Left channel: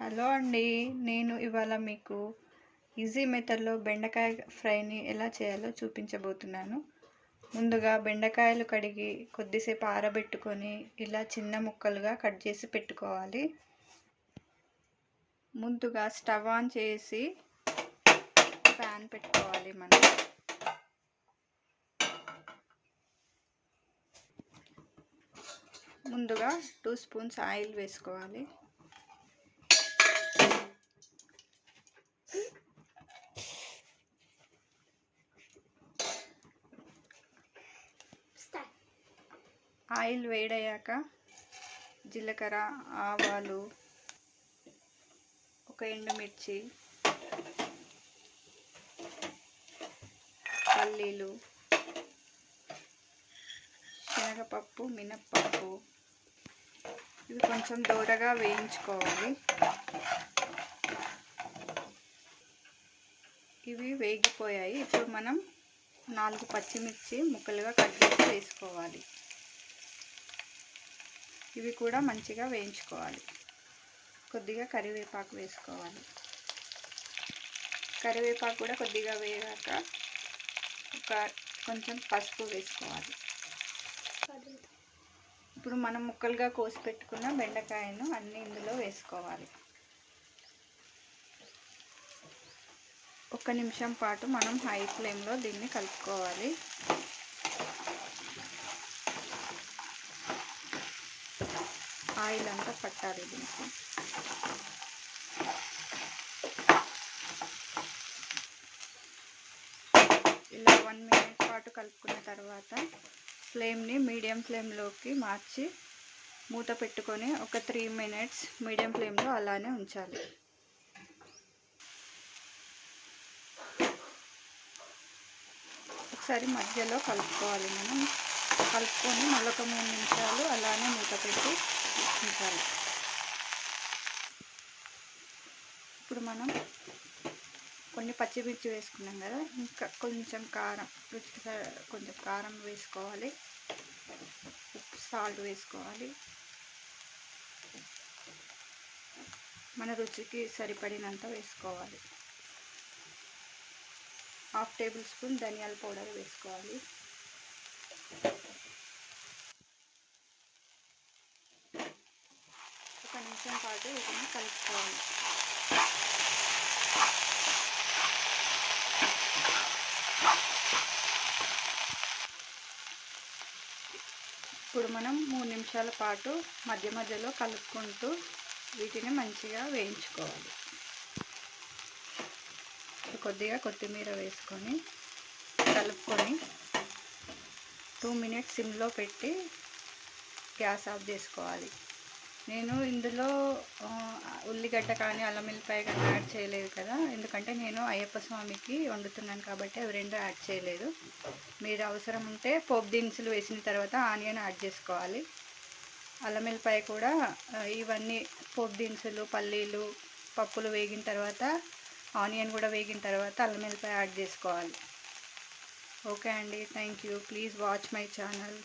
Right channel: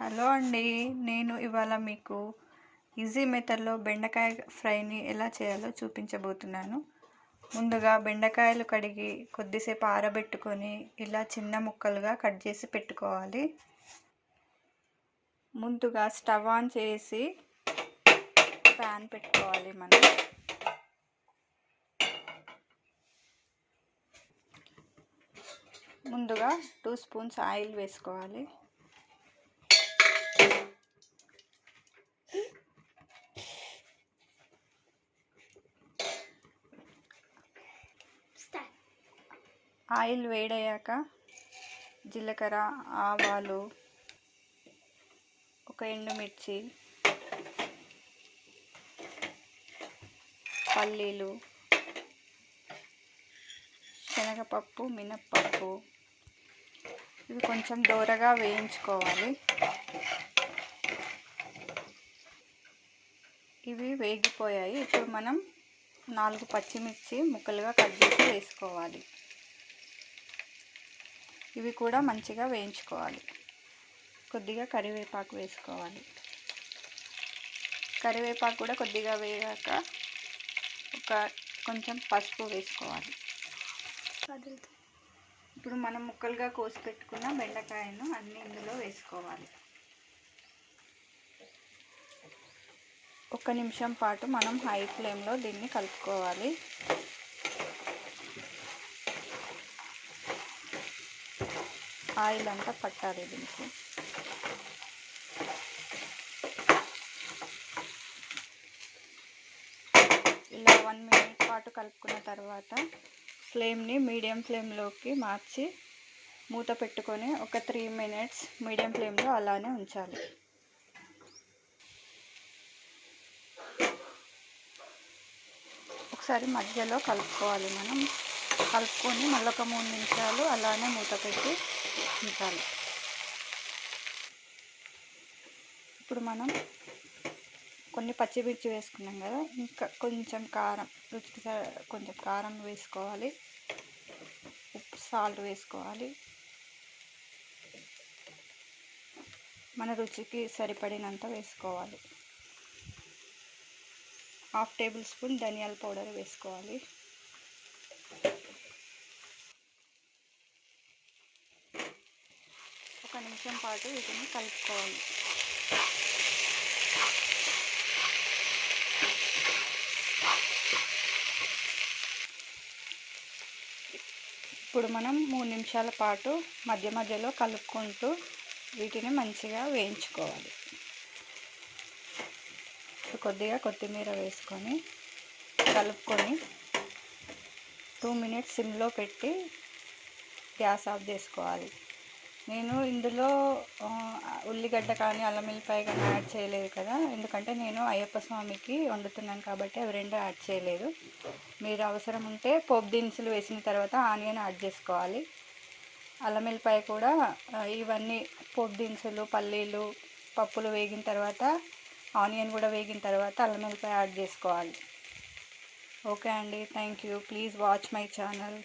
Hello అండి, నేను ఇవాళ మీకు ఈజీ మెథడ్లో బెండకాయ ఫ్రైని ఎలా చేయాలో చూపించబోతున్నాను. ముందుగా బెండకాయలు కడిగి కొద్దిసేపు ఆరబెట్టుకొని ఇలా చిన్న ముక్కలుగా కట్ చేసి పెట్టుకోవాలి. ముందుగా స్టవ్ ఆన్ చేసి ప్యాన్ పెట్టుకోవాలి. మనం ముందుగా 2 స్పూన్స్ ఆయిల్ వేసుకోవాలి. ఆయిల్ వేడయ్యాక జీలకర్ర, ఆవాలు, ఒక ఎండుమిర్చి, పల్లీలు, శనగపప్పు, మినప్పప్పు ఇవి కొంచెం దోరగా వేయించుకోవాలి. ఇవి వేగిపోయాయి. ఇప్పుడు మనం 4 పచ్చిమిర్చి ముక్కలుగా కట్ చేసి వేసుకోవాలి. ఇవి కూడా మంచిగా వేయించుకోవాలి. కొద్దిగా కరివేపాకు వేసుకోవాలి. కరివేపాకు కూడా కొద్దిగా వేగాక కొంచెం పసుపు వేసుకోవాలి. ఇప్పుడు మనం ముక్కలుగా కోసి పెట్టుకున్న బెండకాయను అన్నీ ఇందులో వేసుకోవాలి. 1 నిమిషం పాటు మనం హై ఫ్లేమ్లో దీన్ని కలుపుకోవాలి. ఆయిల్ అంతా పట్టాలి దీనికి. ఇలా 1 మినిట్ పాటు కలుపుకున్న తర్వాత ఫ్లేమ్ని మీడియం ఫ్లేమ్లోకి మార్చి మూత పెట్టుకొని ఒక 3 మినిట్స్ మీడియం ఫ్లేమ్లో అలానే ఉంచాలి. ఒకసారి మధ్యలో కలుపుకోవాలి. మనం కలుపుకొని మళ్ళీ ఒక 3 నిమిషాలు అలానే మూత పెట్టి ఉంచాలి. ఇప్పుడు మనం కొన్ని పచ్చిమిర్చి వేసుకున్నాం కదా, ఇంకా కొంచెం కారం, రుచికి కొంచెం కారం వేసుకోవాలి. ఉప్పు, సాల్ట్ వేసుకోవాలి. మన రుచికి సరిపడినంత వేసుకోవాలి. 1/2 టేబుల్ స్పూన్ ధనియాల పౌడర్ వేసుకోవాలి. ఒక నిమిషం పాటు వీటిని కలుపుకోవాలి. ఇప్పుడు మనం 3 నిమిషాల పాటు మధ్య మధ్యలో కలుపుకుంటూ వీటిని మంచిగా వేయించుకోవాలి. కొద్దిగా కొత్తిమీర వేసుకొని కలుపుకొని 2 మినిట్స్ సిమ్లో పెట్టి గ్యాస్ ఆఫ్ చేసుకోవాలి. నేను ఇందులో ఉల్లిగడ్డ కానీ అల్లం వెల్లిపాయ కానీ యాడ్ చేయలేదు కదా, ఎందుకంటే నేను అయ్యప్ప స్వామికి వండుతున్నాను కాబట్టి అవి 2 యాడ్ చేయలేదు. మీరు అవసరం ఉంటే పోపు దినుసులు వేసిన తర్వాత ఆనియన్ యాడ్ చేసుకోవాలి. అల్లం వెల్లిపాయ కూడా ఇవన్నీ పోపు దినుసులు, పల్లీలు, పప్పులు వేగిన తర్వాత ఆనియన్ కూడా వేగిన తర్వాత అల్లం వెల్లిపాయ యాడ్ చేసుకోవాలి. ఓకే అండి, thank you. Please watch my channel.